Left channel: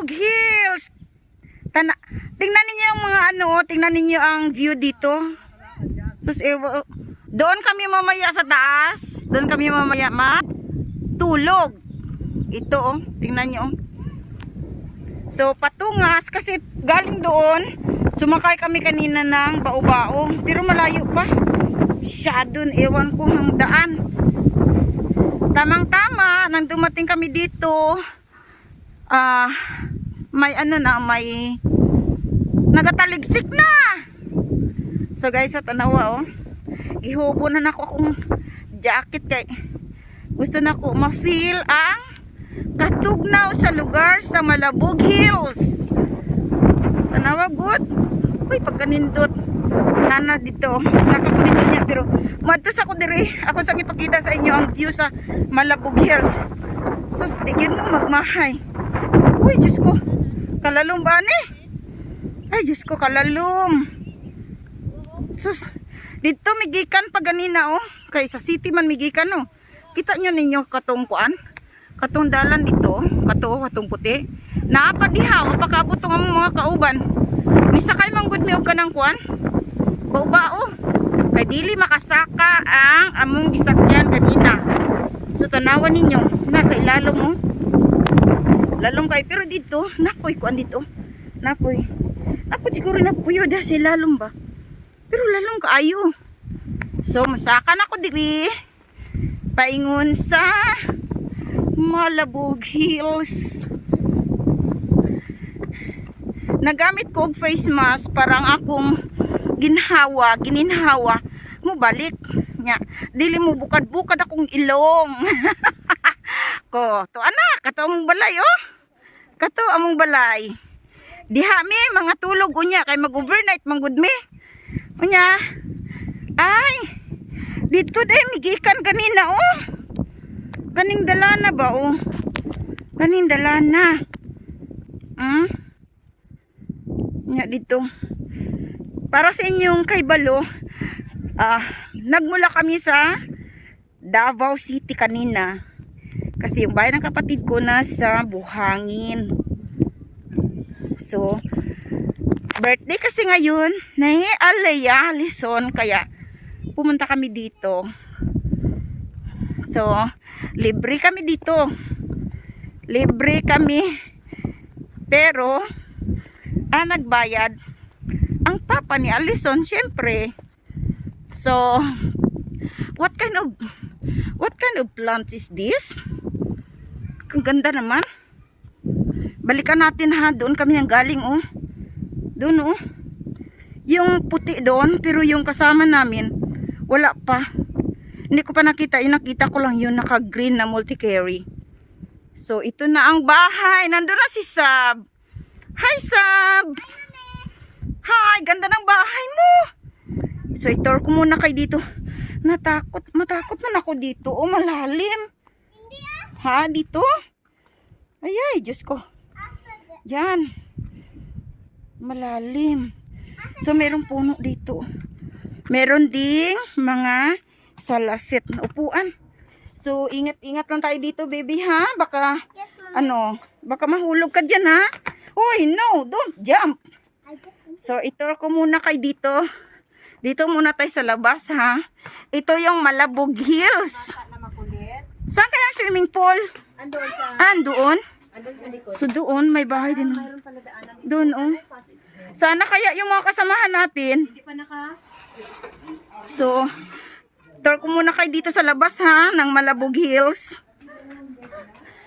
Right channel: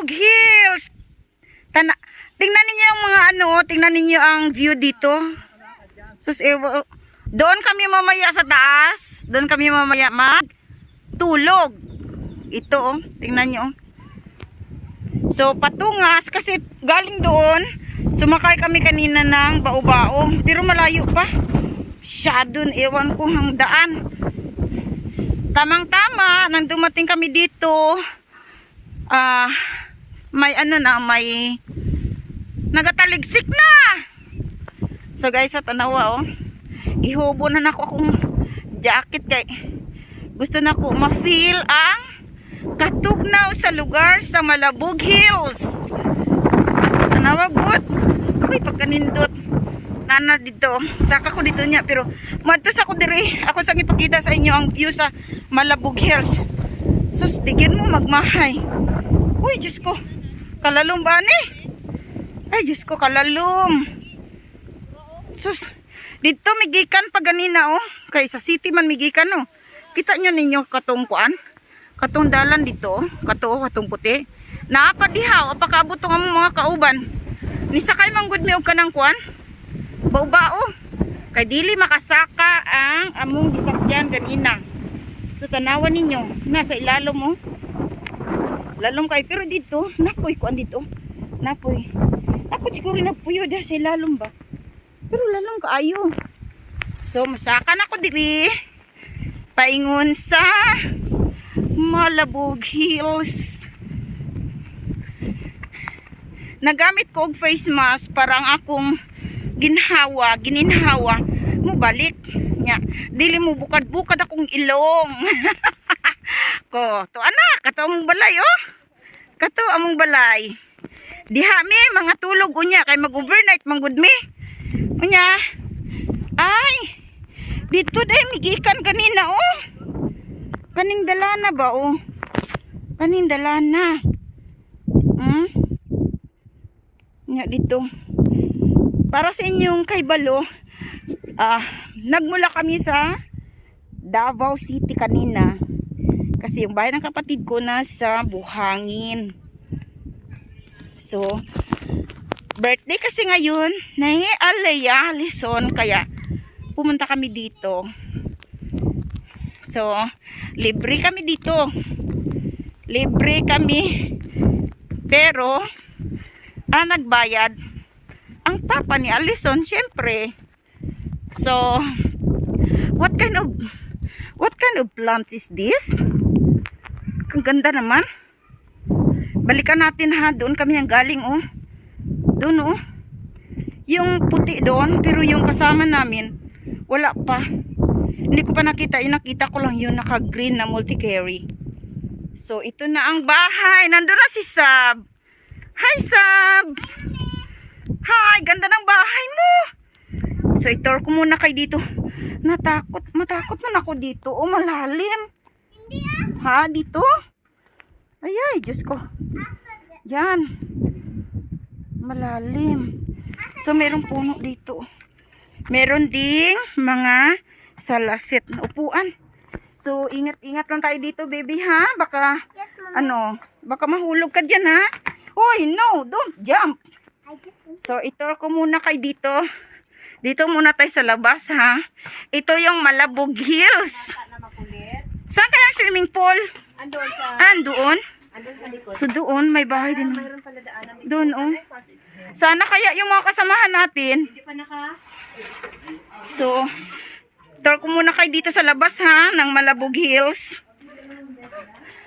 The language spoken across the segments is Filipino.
Malabog Hills. Tingnan niyo yung mga tingnan niyo ang view dito. Sus, doon kami mamaya sa taas. Doon kami mamaya matulog. Ito, tingnan niyo. So, patungas kasi galing doon. Sumakay kami kanina ng bao-bao. Pero malayo pa. Siya doon, ewan ko ang daan. Tamang-tama, nang dumating kami dito, may may nagataligsik na. So guys, sa tanawa ihubo na nako akong jacket kay gusto na ko ma-feel ang katugnaw sa lugar sa Malabog Hills. Tanawa good. Uy, pagkanindot nana dito. Saka ko dito niya pero madtos ako dire. Ako sang ipakita sa inyo ang view sa Malabog Hills. Sus, digin mo magmahay. Uy, Diyos ko. Kalalom ba ni? Ay, Diyos ko, kalalom. Sus, dito migikan pa ganina Kay sa city man migikan Kita nyo ninyo katong kuan. Katong dalan dito. Katong puti. Naapadihaw. Apakabot ang mga kauban. Nisakay manggod mi og kanang kuan. Bao-bao. Kay dili makasaka ang among gisakyan ganina. So tanawan ninyo. Nasa ilalom lalong kay pero dito napoy kuan dito. Napoy siguro napuyo da sa ilalom ba. Pero lalong kaayo. So masaka na ko diri. Paingon sa Malabog Hills. Nagamit ko og face mask parang akong gininhawa mo balik nya dili mo bukad-bukad akong ilong. Ko to anak kato among balay kato among balay diha mi mga tulog unya kay mag-overnight manggud mi unya. Ay dito day migikan kanina kaning dalana ba kaning dalana nya dito para sa inyong kaibalo. Nagmula kami sa Davao City kanina kasi yung bahay ng kapatid ko na sa Buhangin. So birthday kasi ngayon ni Alea Lison kaya pumunta kami dito. So libre kami dito, libre kami pero nagbayad ang papa ni Alison siyempre. So what kind of plant is this? Ang ganda naman. Balikan natin ha. Doon kami nang galing doon yung puti doon pero yung kasama namin wala pa. Hindi ko pa nakita. Yung nakita ko lang yung naka green na multi-carry. So ito na ang bahay. Nandun na si Sab. Hi Sab. Hi, ganda ng bahay mo. So itor ko muna kay dito. Matakot man ako dito. Malalim. Ha, dito? Ay, Diyos ko. Yan. Malalim. So meron puno dito. Meron ding mga salasit na upuan. So ingat-ingat lang tayo dito, baby ha. Baka baka mahulog ka diyan ha. Hoy, no, don't jump. So itor ko muna kay dito. Dito muna tayo sa labas ha. Ito yung Malabog Hills. Saan kaya ang swimming pool? Doon? Andun sa likod. So doon may bahay din. Doon Sana kaya yung mga kasamahan natin. Hindi pa So tour ko muna kayo dito sa labas ha ng Malabog Hills.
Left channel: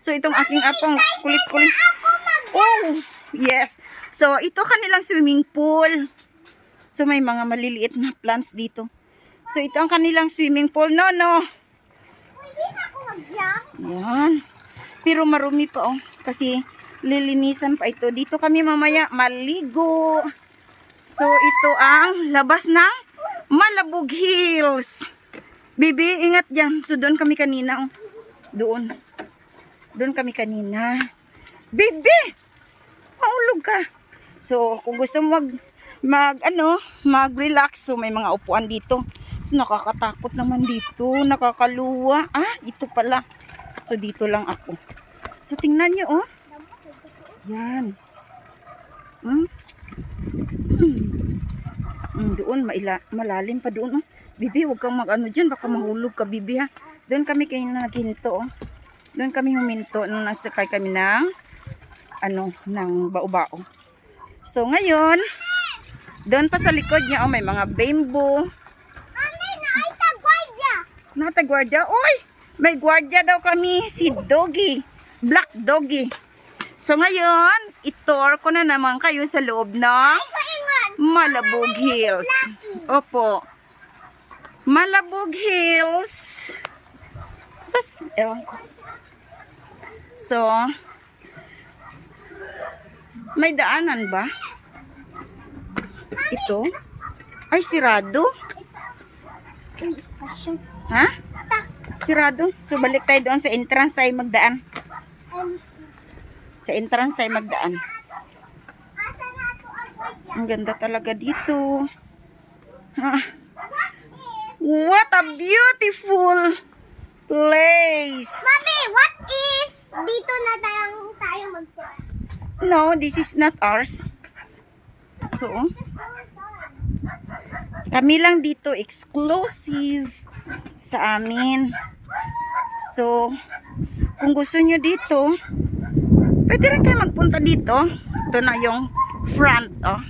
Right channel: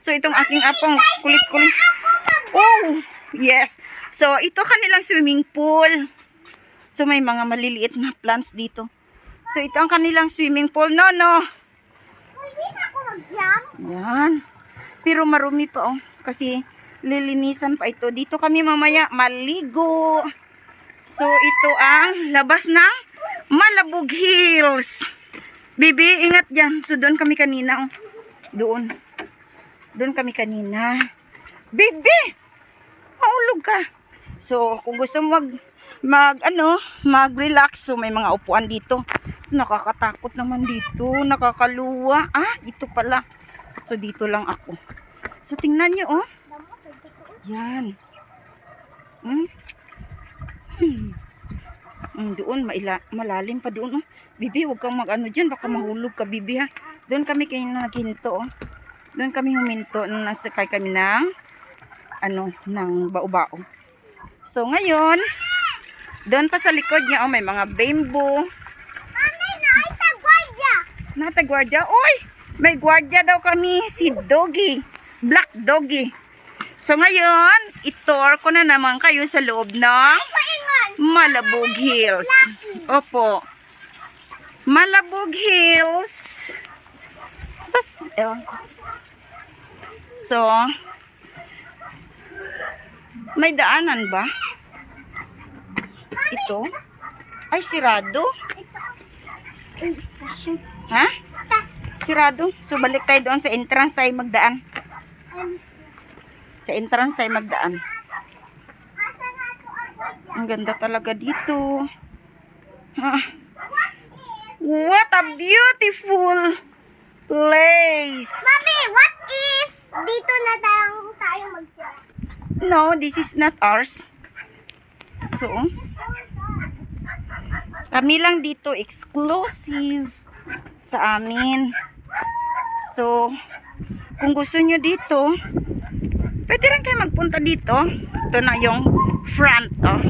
So itong aking apong kulit-kulit. Oh, yes. So ito kanilang swimming pool. So may mga maliliit na plants dito. So ito ang kanilang swimming pool. No. Pwede na ako mag-jump. Yan. Pero marumi pa kasi lilinisan pa ito. Dito kami mamaya maligo. So ito ang labas ng Malabog Hills. Bibi, ingat dyan. So doon kami kanina. Doon kami kanina. Bibi, maulog ka. So kung gusto mo mag-relax, so may mga upuan dito. So nakakatakot naman dito, nakakaluwa. Ito pala. So dito lang ako. So tingnan niyo Yan. Doon, malalim pa doon. Oh. Bibi, huwag kang mag-ano dyan. Baka mahulog ka, Bibi, ha. Doon kami kayo naghinto. Oh. Doon kami huminto nung nasakay kami ng ng bao-bao. So, ngayon, doon pa sa likod niya, may mga bamboo. Mami, naitagwardya. Natagwardya? Uy! May gwardiya daw kami, si Doggy. Black Doggy. So, ngayon, itour ko na naman kayo sa loob ng Malabog Hills. Opo. Malabog Hills. Ewan ko. So, may daanan ba? Ito? Ay, sirado. Ha? Sirado. So, balik tayo doon sa entrance tayo magdaan. Sa entrance tayo magdaan. Ang ganda talaga dito. What a beautiful place. Mami, what if dito na tayo magtira? No, this is not ours. So, kami lang dito exclusive sa amin. So, kung gusto nyo dito, pwede rin kayo magpunta dito. Ito na yung front, oh.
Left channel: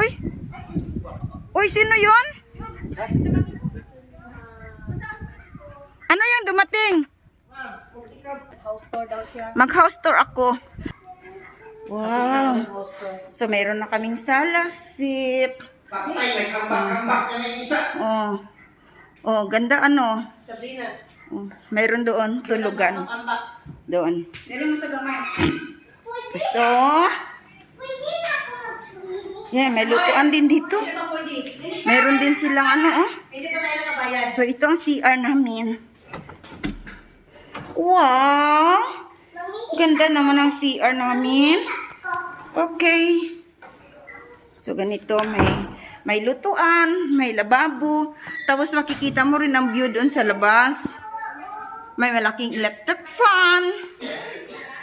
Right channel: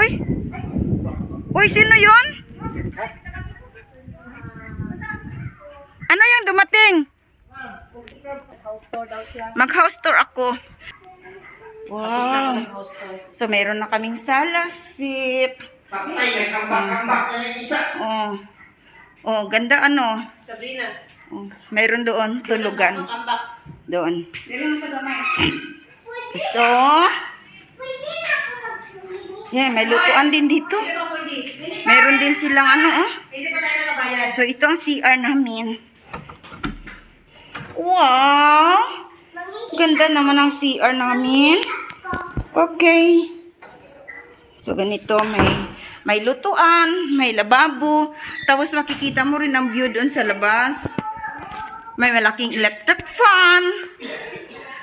Uy! Uy, sino yun? Ano yung dumating? Mag-house tour ako. Wow. So, meron na kaming salasit. Oh. Oh, ganda ano. Sabrina. Oh, meron doon, tulugan. Doon. So, yeah, may lutuan din dito. Meron din silang oh. So, ito ang CR namin. Wow! Ganda naman ang CR namin. Okay. So, ganito, may lutuan, may lababo. Tapos, makikita mo rin ang view doon sa labas. May malaking electric fan.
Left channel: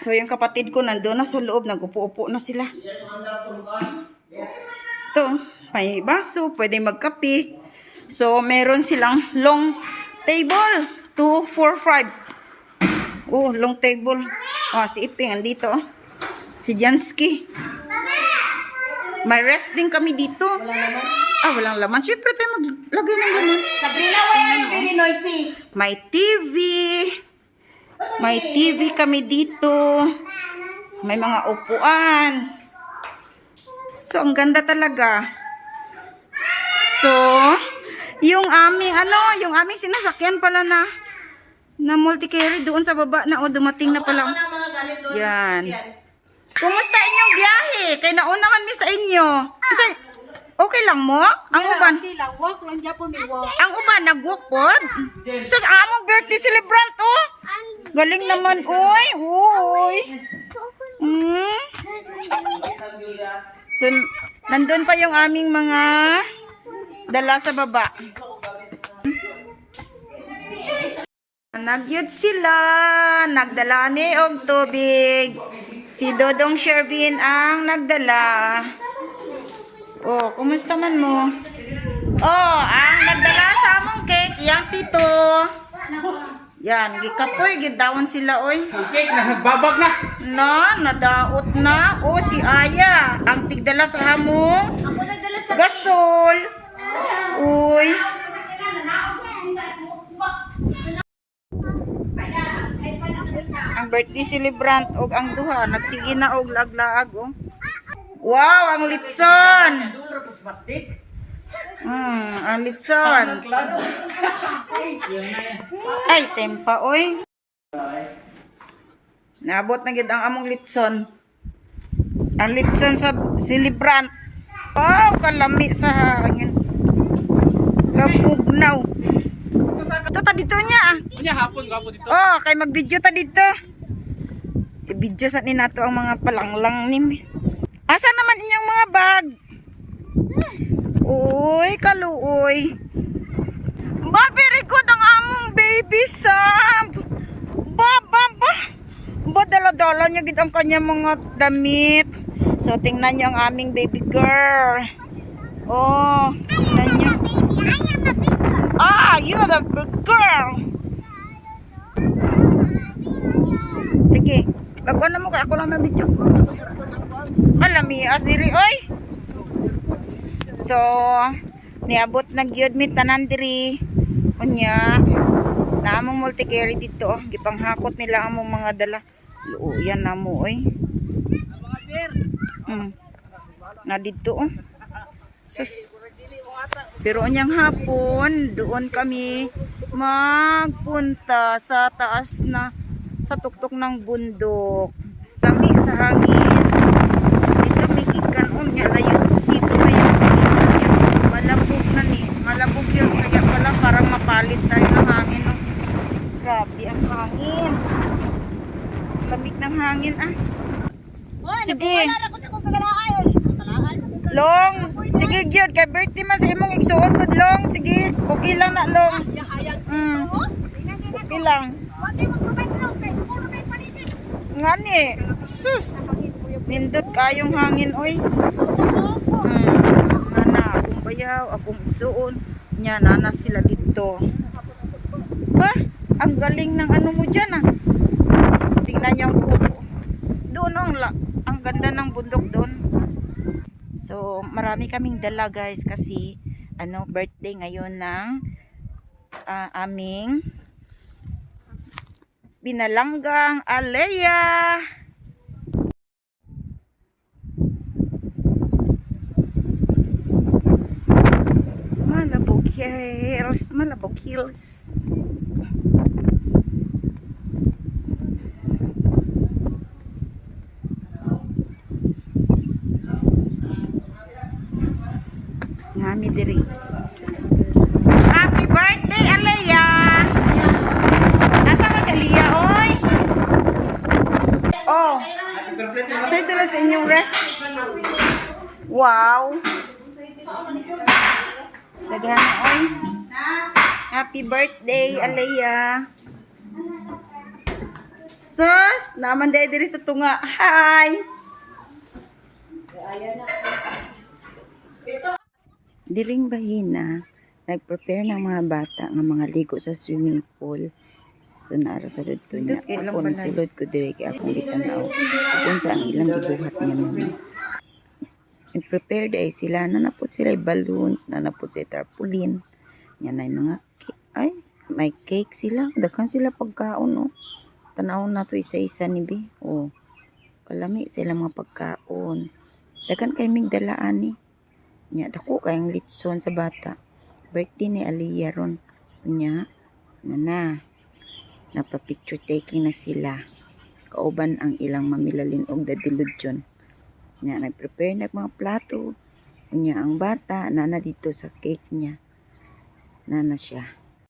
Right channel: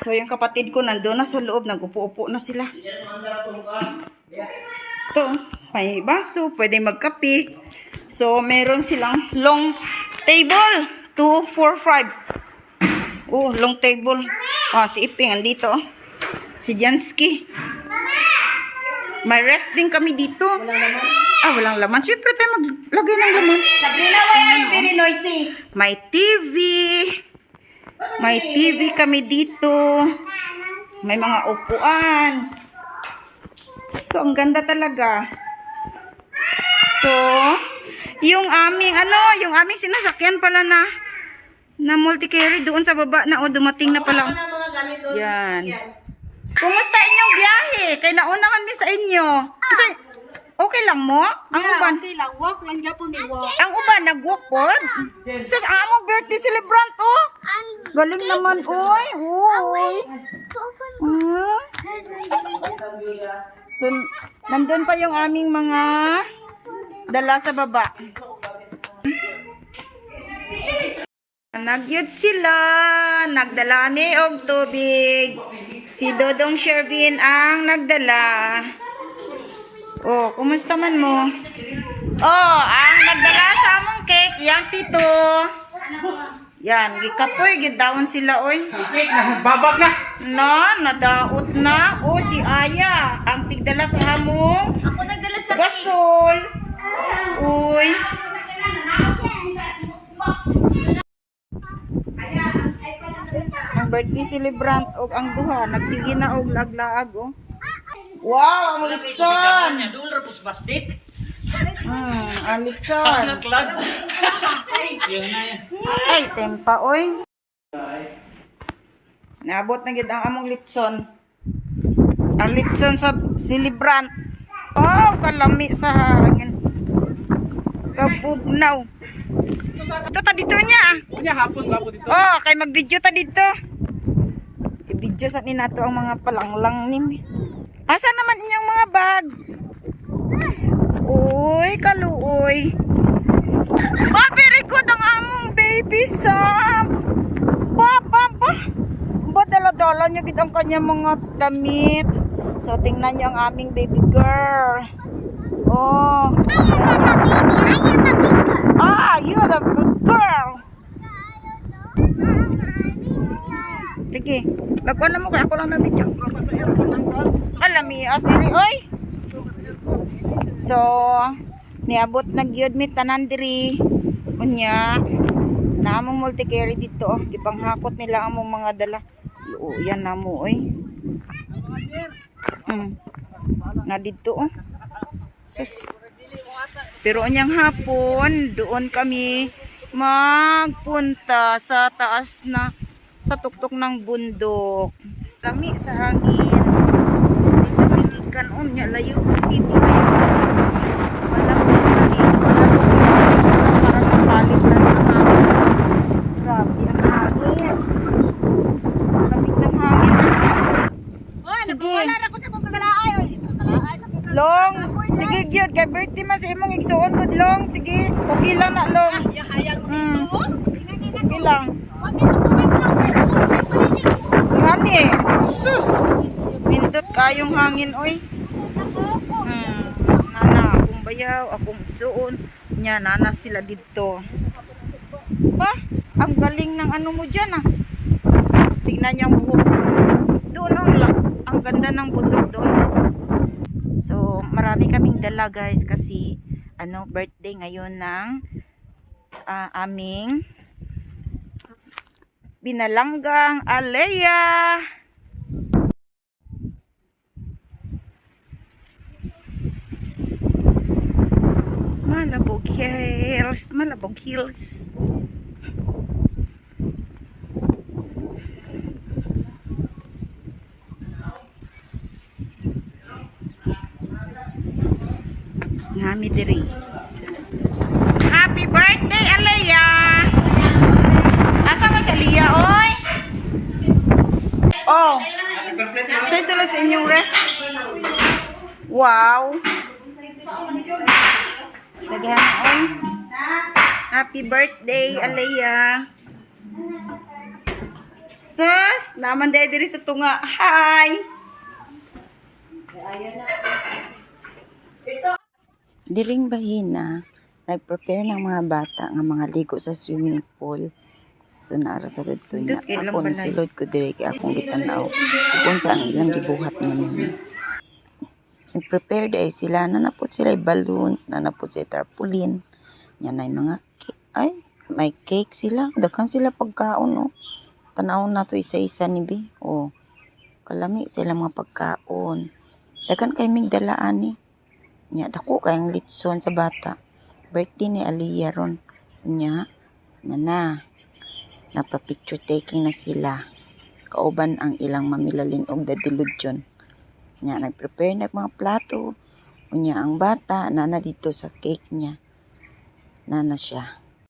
So, yung kapatid ko nandun na sa loob. Nag-upo-upo na sila. Ito, may baso. Pwede magkape. So, meron silang long table. 2, 4, 5. Oh, long table. Si Iping, andito. Si Jansky. May ref din kami dito. Walang laman. Siyempre tayo maglagay ng laman. Sabrina, why are you very noisy? May TV. May TV kami dito. May mga upuan. So, ang ganda talaga. So, yung aming sinasakyan pala na multi-carry doon sa baba na dumating na pala. Yan. Kumusta inyong biyahe? Kay nauna kami sa inyo. Okay lang mo? Ang uban? Okay lang, walk lang gyapon mi walk. Ang uban nag-walk pod? Sus, among birthday celebrant oh. Galing naman oy. Uy. So, nandun pa yung aming mga dala sa baba. Nagyod sila. Nagdala mi og tubig. Si Dodong Shervin ang nagdala. Oh, kumusta man mo? Oh, ang nagdala sa among cake, yang tito. Yan, gikapoy, gidawon sila, oy. Cake na, babag na. Nadaot na. Oh, si Aya, ang tigdala sa among Ako nagdala sa gasol. Uy. Ang birthday celebrant og ang duha nagsige na og laglaag oh. Wow, ang litson. Dolar pus basdik. Ang litson. Ay, tempa oy. Naabot na gid ang among litson. Ang litson sa celebrant. Oh, kalami sa hangin. Kapugnaw. Ito ta dito niya. Unya hapon labo dito. Oh, kay mag-video ta dito. I-video sa ni nato ang mga palanglang ni. Asa naman inyong mga bag? Uy, kaluoy. Very good ang among baby Sam. Ba. dala niya gid ang kanya mga damit. So, tingnan niyo ang aming baby girl. Oh, tingnan niyo. Ah, you the big girl. Sige, bago na mo kaya ako lang mabidyo. Alamias diri, oy. So, niabot na gyud mi tanan diri. Unya, naamong multi-carry dito. Oh. Gipanghakot nila among mga dala. Luuyan na mo, oy. Na dito, oh. Sus. Pero unyang hapon, doon kami magpunta sa taas na, sa tuktok ng bundok. Lami sa hangin. Dito may gikan, niya layo sa city na yung gikan niya. Malabog na ni. Malabog yun. Kaya pala parang mapalit tayo ng hangin. Grabe ang hangin. Lamig ng hangin, ah. Sige. Long, sige gyud kay birthday man sa imong igsuon gud long, sige. Okay lang na long. Okay lang. Ngani, sus. Nindot kayong hangin oy. Nana, akong bayaw, akong igsuon, nya nana sila dito. Ba, ang galing ng ano mo diyan ah. Tingnan niyo ang buhok. Doon ang ganda ng bundok doon. So, marami kaming dala guys kasi birthday ngayon ng aming binalanggang Alea. Malabog Hills, Malabog Hills. Ngami diri. Happy birthday, Alea! Asa mo si Alea, oy? Oh. Say sulod sa inyong ref. Wow. Daghan, oy. Happy birthday, Alea. Sus, naman diri sa tunga. Hi. Diring bahina, nag-prepare ng mga bata nga mga ligo sa swimming pool. So naara sa dito niya. Ako sulod ko diri kay akong gitanaw. Kung sa ang ilang gibuhat nga nila. Nag-prepare day sila, nanapot sila balloons, nanapot sila tarpaulin. Yan ay mga cake. May cake sila. Daghan sila pagkaon, oh. Tanawon na to isa-isa ni Bi. Oh. Kalami sila mga pagkaon. Daghan kay mig dalaan ni. Nya dako kayang litson sa bata. Birthday ni Aliyah ron. Nya nana napapicture taking na sila. Kauban ang ilang mamilalin og dadiludyon. Nya nagprepare nag mga plato. Unya ang bata nana dito sa cake niya. Nana siya.